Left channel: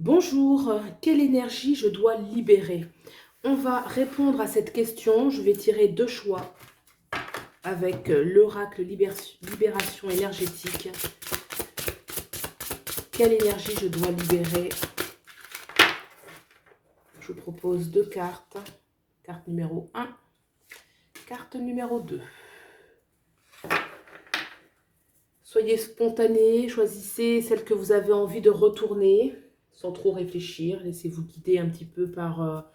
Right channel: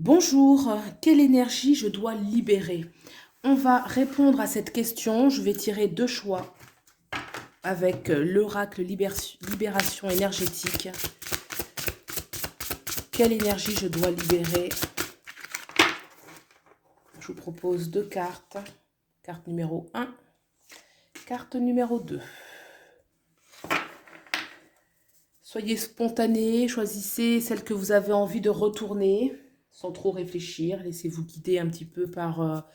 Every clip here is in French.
Bonjour, quelle énergie je dois libérer? On va répondre à cette question. Je vais tirer deux choix avec l'oracle libération énergétique. Quelle énergie je dois libérer? Je vous propose deux cartes. Carte numéro 1, carte numéro 2. Soyez spontané, choisissez celle que vous avez envie de retourner sans trop réfléchir. Laissez-vous guider un petit peu par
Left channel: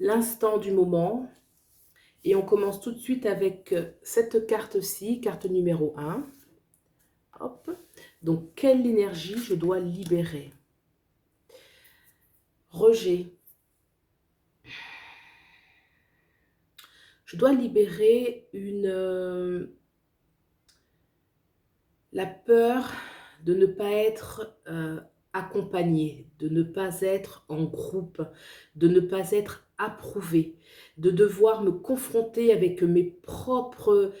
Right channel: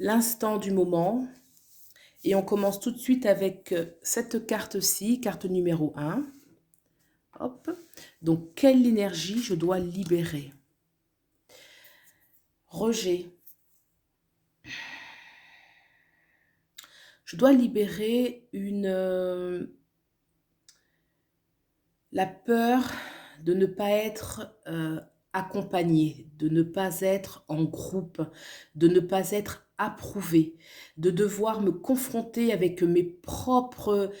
l'instant du moment. Et on commence tout de suite avec cette carte-ci, carte numéro 1. Hop. Donc, quelle énergie je dois libérer? Rejet. Je dois libérer la peur de ne pas être accompagné, de ne pas être en groupe, de ne pas être approuvé, de devoir me confronter avec mes propres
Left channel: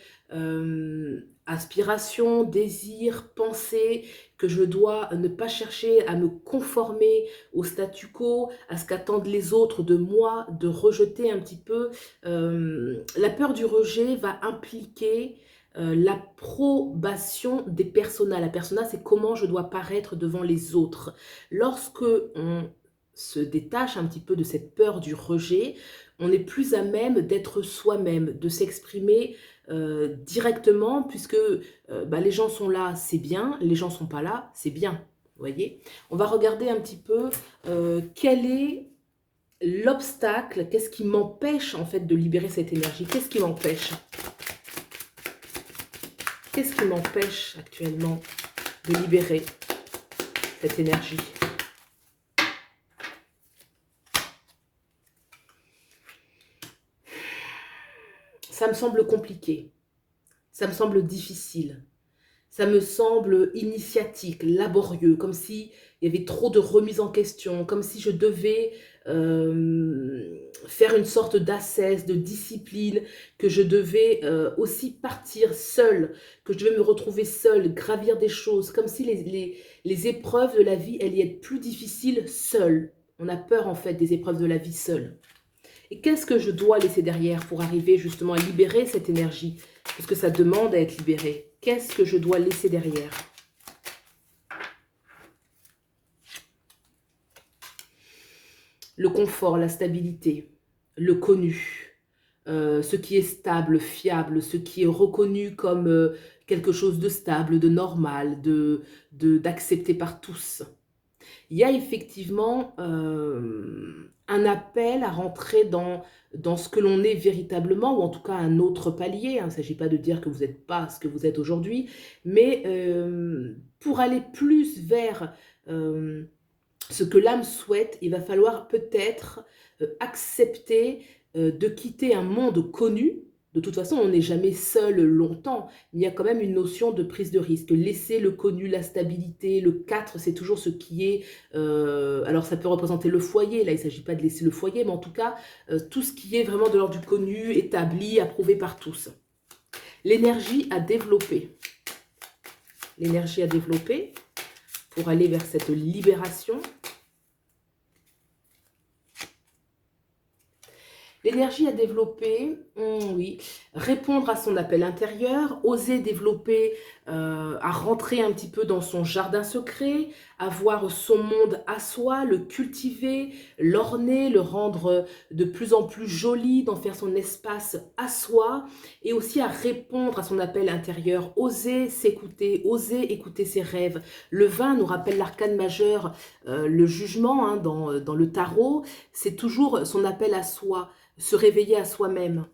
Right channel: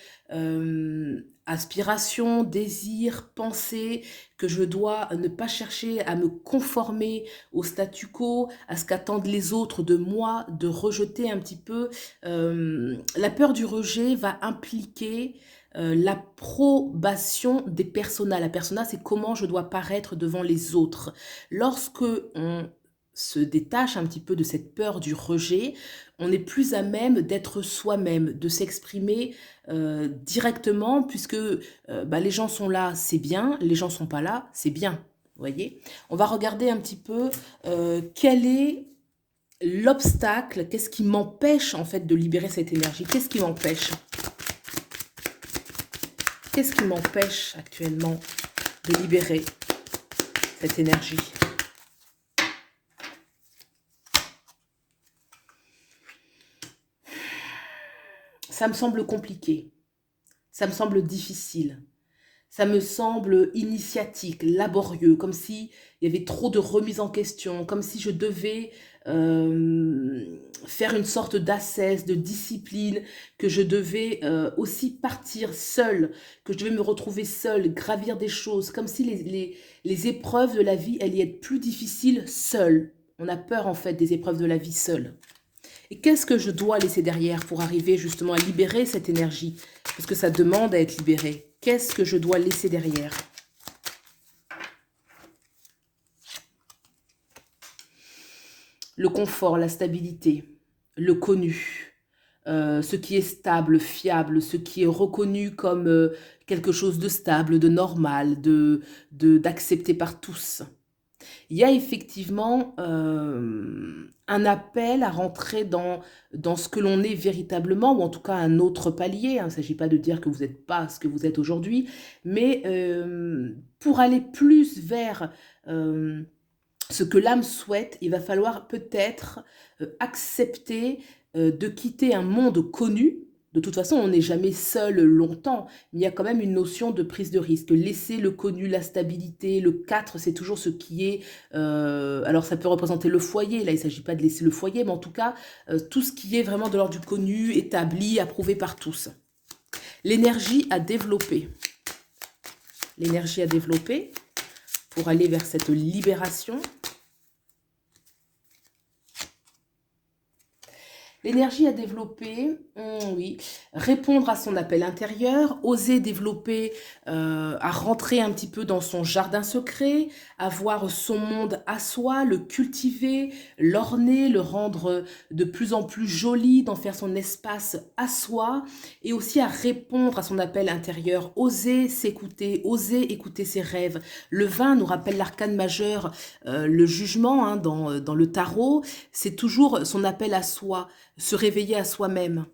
aspirations, désirs, pensées, que je dois ne pas chercher à me conformer au statu quo, à ce qu'attendent les autres de moi, de rejeter un petit peu. La peur du rejet va impliquer l'approbation des personas. La persona, c'est comment je dois paraître devant les autres. Lorsque on se détache un petit peu de cette peur du rejet, on est plus à même d'être soi-même, de s'exprimer directement, puisque les gens sont là, c'est bien, les gens sont pas là, c'est bien. Vous voyez, on va regarder un petit peu quel est l'obstacle, qu'est-ce qui m'empêche en fait de libérer cette énergie, qu'est-ce qui m'empêche? Qu'est-ce qui m'empêche actuellement de libérer cette énergie? Ça me semble compliqué, ça me semble difficile, ça me semble initiatique, laborieux, comme s'il y avait trop de remise en question, comme si je devais faire une sorte d'ascèse, de discipline, que je devais aussi partir seule, que je devais me retrouver seule, gravir des choses, comme si les épreuves de la vie allaient être plus difficiles seule. On a peur en fait des épreuves de la vie seule. Et qu'est-ce que je dois laisser derrière pour arriver justement à libérer cette énergie? Parce que ça demande à être libéré. Qu'est-ce que je dois laisser derrière? Le confort, la stabilité, le connu, ce qui est stable, fiable, ce qui est reconnu comme quelque chose de stable, de normal, d'accepté par tous. Il y a effectivement un appel à rentrer dans ce que l'on est véritablement, ou en tout cas un autre palier. Il ne s'agit pas de dire que vous n'êtes pas ce que vous êtes aujourd'hui, mais pour aller plus vers ce que l'âme souhaite, il va falloir peut-être accepter de quitter un monde connu. De toute façon, on n'est jamais seul longtemps, mais il y a quand même une notion de prise de risque. Laisser le connu, la stabilité, le 4, c'est toujours ce qui est... alors ça peut représenter le foyer, là il ne s'agit pas de laisser le foyer, mais en tout cas, tout ce qui est vraiment de l'ordre du connu, établi, approuvé par tous. L'énergie à développer. L'énergie à développer pour aller vers cette libération. L'énergie à développer, oui, répondre à son appel intérieur, oser développer, à rentrer un petit peu dans son jardin secret, avoir son monde à soi, le cultiver, l'orner, le rendre de plus en plus joli, d'en faire son espace à soi, et aussi à répondre à son appel intérieur, oser s'écouter, oser écouter ses rêves. Le 20 nous rappelle l'arcane majeur, le jugement dans le tarot, c'est toujours son appel à soi, se réveiller à soi-même.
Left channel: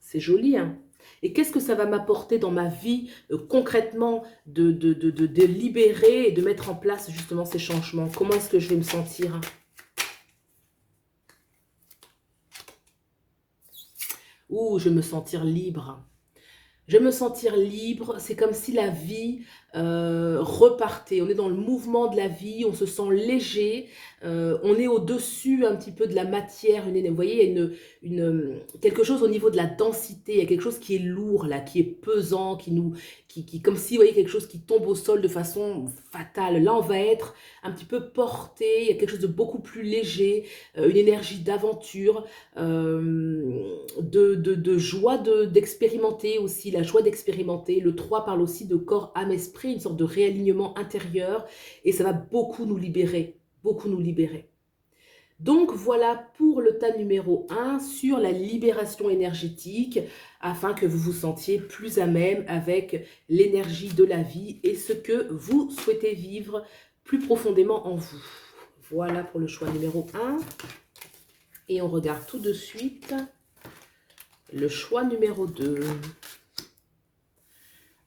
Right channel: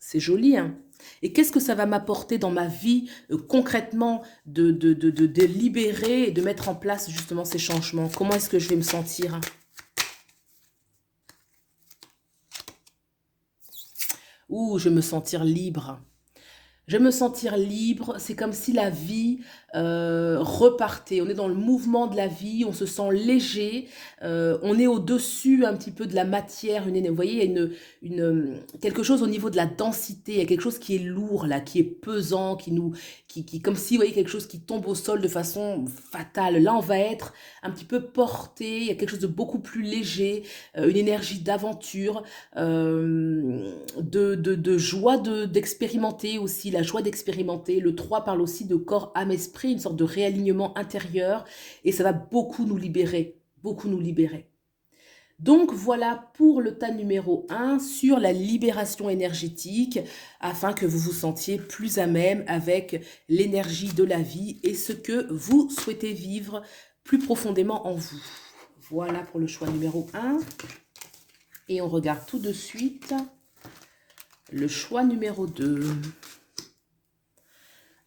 C'est joli, hein? Et qu'est-ce que ça va m'apporter dans ma vie concrètement de libérer et de mettre en place justement ces changements? Comment est-ce que je vais me sentir? Ouh, je vais me sentir libre. Je vais me sentir libre, c'est comme si la vie repartez. On est dans le mouvement de la vie, on se sent léger, on est au-dessus un petit peu de la matière. Vous voyez, il y a quelque chose au niveau de la densité, il y a quelque chose qui est lourd là, qui est pesant, comme si, vous voyez, quelque chose qui tombe au sol de façon fatale. Là, on va être un petit peu porté, il y a quelque chose de beaucoup plus léger, une énergie d'aventure, de joie d'expérimenter aussi, la joie d'expérimenter. Le 3 parle aussi de corps, âme, esprit, une sorte de réalignement intérieur, et ça va beaucoup nous libérer, beaucoup nous libérer. Donc voilà pour le tas numéro 1 sur la libération énergétique, afin que vous vous sentiez plus à même avec l'énergie de la vie et ce que vous souhaitez vivre plus profondément en vous. Voilà pour le choix numéro 1. Et on regarde tout de suite le choix numéro 2.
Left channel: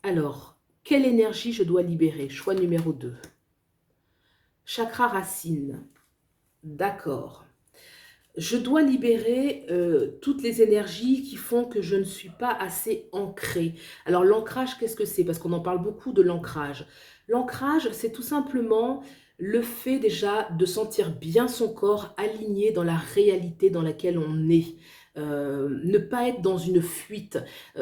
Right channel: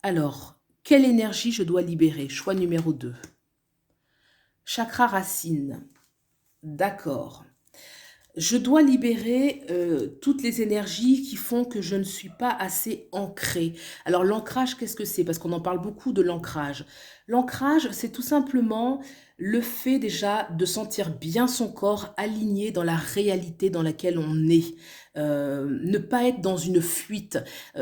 Alors, quelle énergie je dois libérer? Choix numéro 2. Chakra racine. D'accord. Je dois libérer toutes les énergies qui font que je ne suis pas assez ancrée. Alors l'ancrage, qu'est-ce que c'est? Parce qu'on en parle beaucoup de l'ancrage. L'ancrage, c'est tout simplement le fait déjà de sentir bien son corps aligné dans la réalité dans laquelle on est. Ne pas être dans une fuite.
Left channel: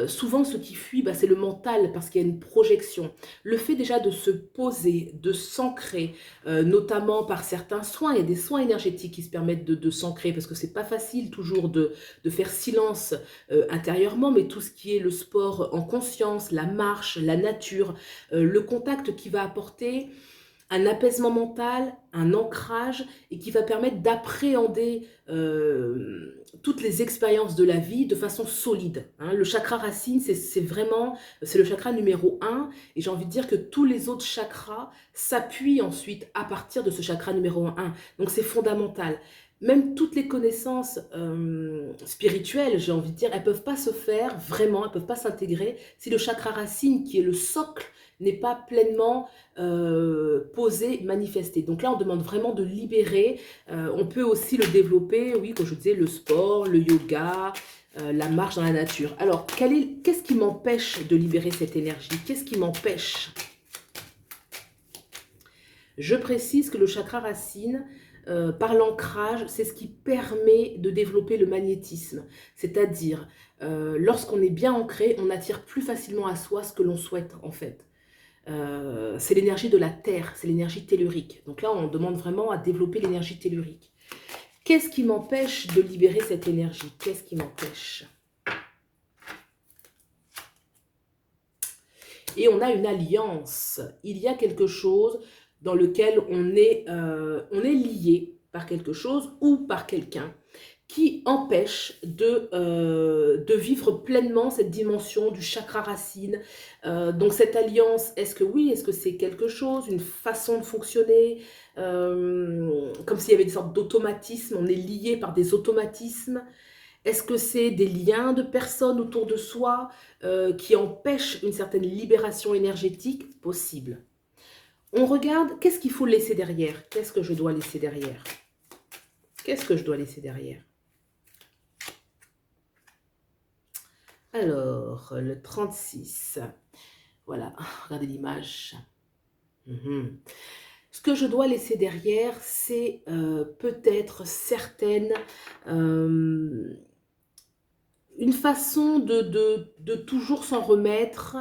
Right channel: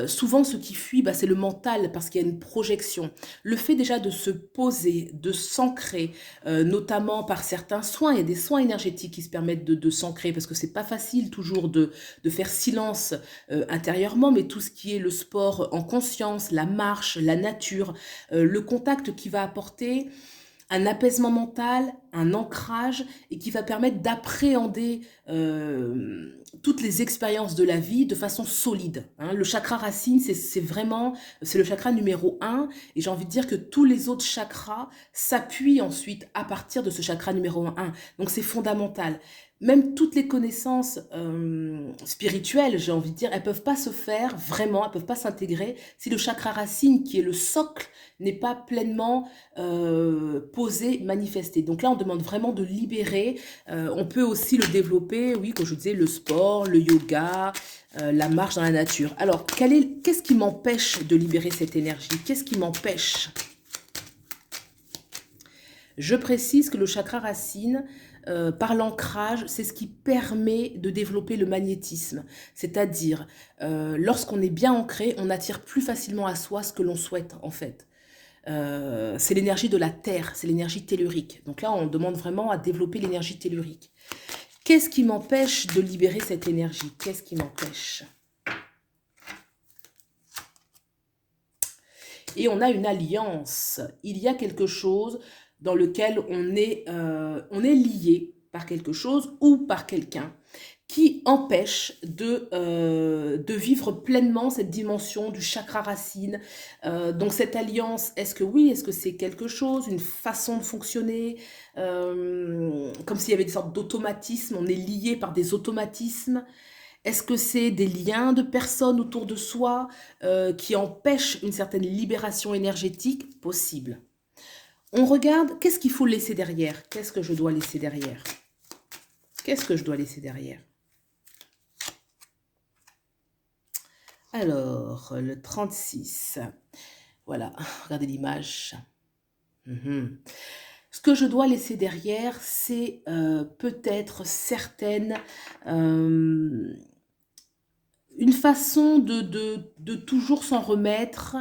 Souvent, ce qui fuit, bah, c'est le mental parce qu'il y a une projection. Le fait déjà de se poser, de s'ancrer, notamment par certains soins. Il y a des soins énergétiques qui se permettent de s'ancrer parce que c'est pas facile toujours de faire silence intérieurement, mais tout ce qui est le sport en conscience, la marche, la nature, le contact qui va apporter un apaisement mental, un ancrage et qui va permettre d'appréhender toutes les expériences de la vie de façon solide. Hein. Le chakra racine, c'est le chakra numéro 1 et j'ai envie de dire que tous les autres chakras s'appuient ensuite à partir de ce chakra numéro 1. Donc c'est fondamental. Même toutes les connaissances spirituelles, j'ai envie de dire, elles ne peuvent pas se faire vraiment, elles ne peuvent pas s'intégrer si le chakra racine, qui est le socle, n'est pas pleinement posé, manifesté. Donc là, on demande vraiment de libérer. On peut aussi le développer, oui, comme je disais, le sport, le yoga, la marche dans la nature. Alors, qu'est-ce qui m'empêche de libérer cette énergie? Qu'est-ce qui m'empêche? Je précise que le chakra racine, par l'ancrage, c'est ce qui permet de développer le magnétisme. C'est-à-dire, lorsqu'on est bien ancré, on attire plus facilement à soi ce que l'on souhaite, en fait. C'est l'énergie de la terre, c'est l'énergie tellurique. Donc là, on demande vraiment à développer l'énergie tellurique. Qu'est-ce qui m'empêche de libérer cette énergie? Qu'est-ce qui m'empêche? Et on a une alliance. Il y a quelque chose dans lequel on est lié par quelque chose ou par quelqu'un qui empêche de vivre pleinement cette dimension du chakra racine. Donc cette alliance, est-ce que oui, est-ce que c'est quelque chose, une façon de fonctionner, comme s'il y avait une sorte d'automatisme, on est lié par des automatismes? Est-ce que c'est des liens de personnes autour de soi qui empêchent une certaine libération énergétique possible? On regarde, qu'est-ce qu'il faut laisser derrière? Qu'est-ce que je dois laisser derrière? Qu'est-ce que je dois laisser derrière? Alors, le 36. Voilà, regardez l'image. Ce que je dois laisser derrière, c'est peut-être une façon de toujours s'en remettre.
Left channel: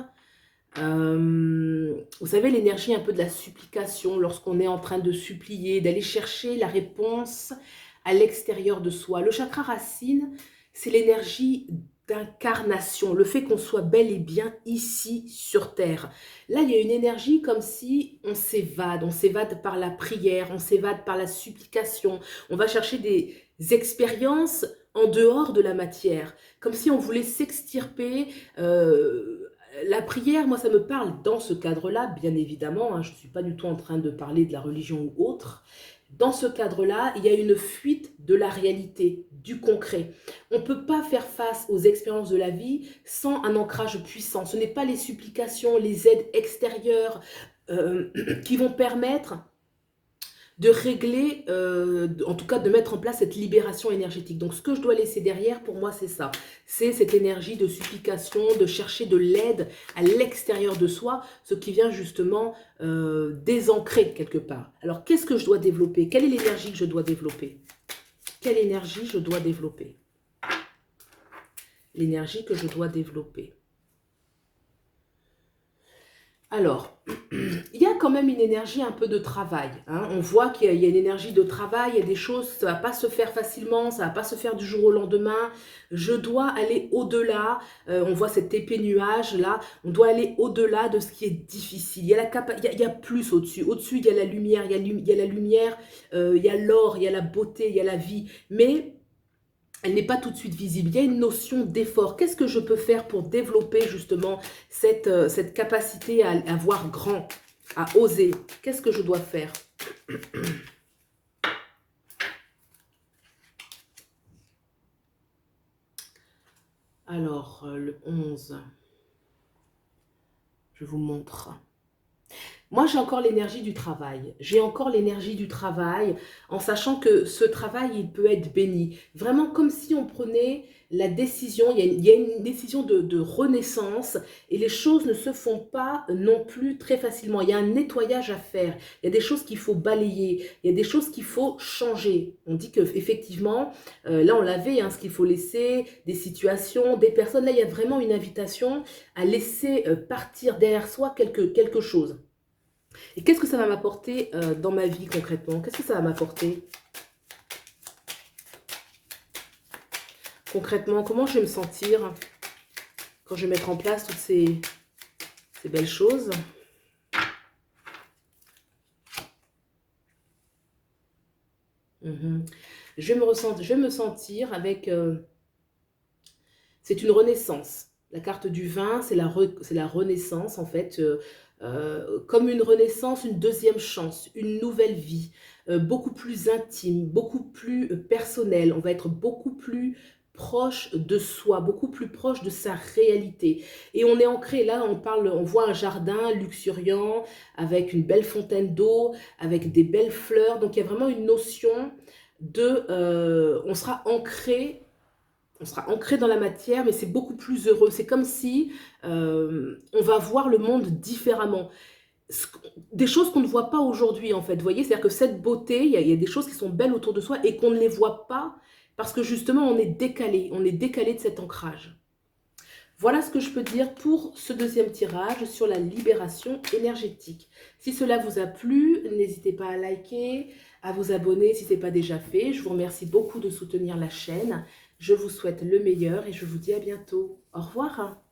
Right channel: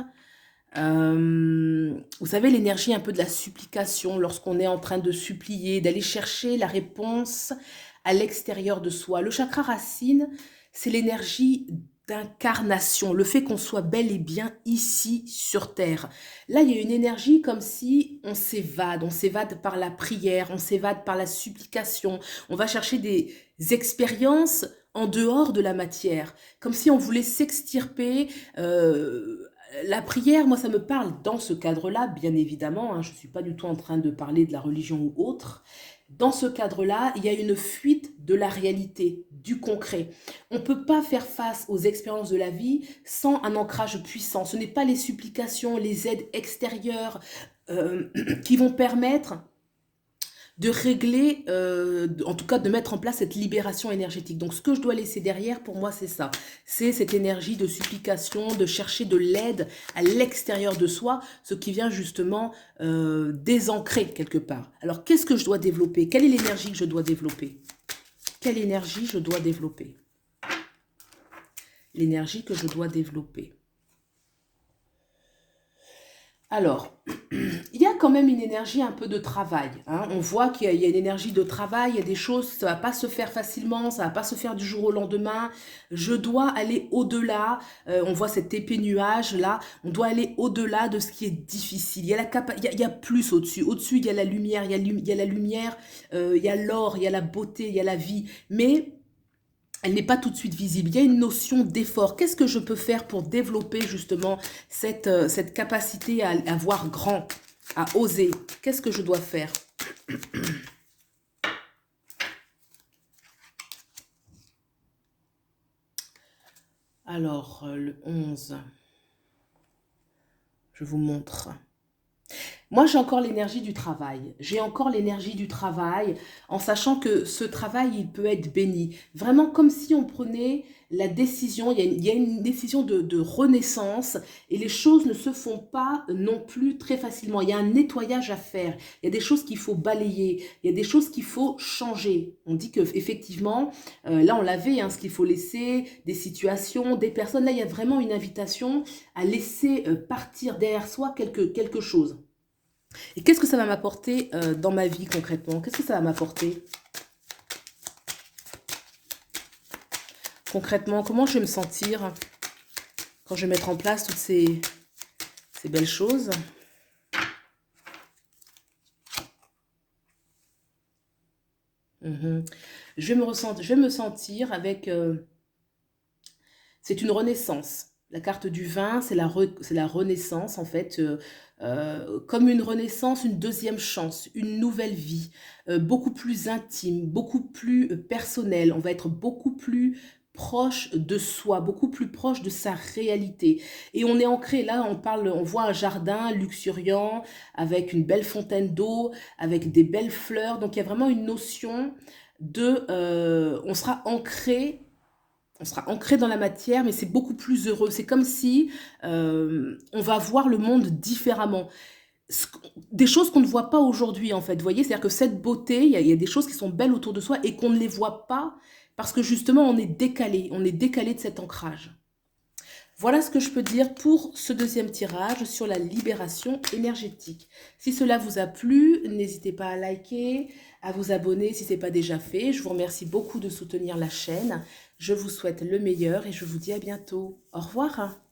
Vous savez, l'énergie un peu de la supplication, lorsqu'on est en train de supplier, d'aller chercher la réponse à l'extérieur de soi. Le chakra racine, c'est l'énergie d'incarnation, le fait qu'on soit bel et bien ici sur Terre. Là, il y a une énergie comme si on s'évade par la prière, on s'évade par la supplication, on va chercher des expériences en dehors de la matière, comme si on voulait s'extirper. La prière, moi, ça me parle dans ce cadre-là, bien évidemment, hein, je ne suis pas du tout en train de parler de la religion ou autre. Dans ce cadre-là, il y a une fuite de la réalité, du concret. On ne peut pas faire face aux expériences de la vie sans un ancrage puissant. Ce n'est pas les supplications, les aides extérieures qui vont permettre de régler, en tout cas de mettre en place cette libération énergétique. Donc ce que je dois laisser derrière, pour moi, c'est ça. C'est cette énergie de supplication, de chercher de l'aide à l'extérieur de soi, ce qui vient justement désancrer quelque part. Alors qu'est-ce que je dois développer? Quelle est l'énergie que je dois développer? Quelle énergie je dois développer? L'énergie que je dois développer. Alors, il y a quand même une énergie un peu de travail, hein. On voit qu'il y a une énergie de travail, il y a des choses, ça va pas se faire facilement, ça va pas se faire du jour au lendemain. Je dois aller au-delà, on voit cette épée nuage là, on doit aller au-delà de ce qui est difficile. Il y a plus au-dessus. Au-dessus, il y a la lumière, il y a la lumière, il y a l'or, il y a la beauté, il y a la vie. Mais elle n'est pas tout de suite visible. Il y a une notion d'effort. Qu'est-ce que je peux faire pour développer justement cette capacité à voir grand, à oser? Qu'est-ce que je dois faire? Alors, le 11, je vous montre. Moi, j'ai encore l'énergie du travail. J'ai encore l'énergie du travail en sachant que ce travail, il peut être béni. Vraiment comme si on prenait la décision, il y a une décision de renaissance et les choses ne se font pas non plus très facilement. Il y a un nettoyage à faire. Il y a des choses qu'il faut balayer. Il y a des choses qu'il faut changer. On dit qu'effectivement, là on l'avait, hein, ce qu'il faut laisser, des situations, des personnes. Là, il y a vraiment une invitation à laisser partir derrière soi quelque chose. Et qu'est-ce que ça va m'apporter dans ma vie concrètement? Qu'est-ce que ça va m'apporter concrètement? Comment je vais me sentir quand je vais mettre en place toutes ces belles choses? Mhm. Je vais me sentir avec... c'est une renaissance. La carte du vin, c'est la renaissance en fait. Comme une renaissance, une deuxième chance, une nouvelle vie, beaucoup plus intime, beaucoup plus personnelle. On va être beaucoup plus proche de soi, beaucoup plus proche de sa réalité. Et on est ancré là, on voit un jardin luxuriant avec une belle fontaine d'eau, avec des belles fleurs. Donc il y a vraiment une notion de, on sera ancré dans la matière, mais c'est beaucoup plus heureux. C'est comme si on va voir le monde différemment. Des choses qu'on ne voit pas aujourd'hui, en fait. Vous voyez, c'est-à-dire que cette beauté, il y a des choses qui sont belles autour de soi et qu'on ne les voit pas parce que justement, on est décalé de cet ancrage. Voilà ce que je peux dire pour ce deuxième tirage sur la libération énergétique. Si cela vous a plu, n'hésitez pas à liker, à vous abonner si ce n'est pas déjà fait. Je vous remercie beaucoup de soutenir la chaîne. Je vous souhaite le meilleur et je vous dis à bientôt. Au revoir.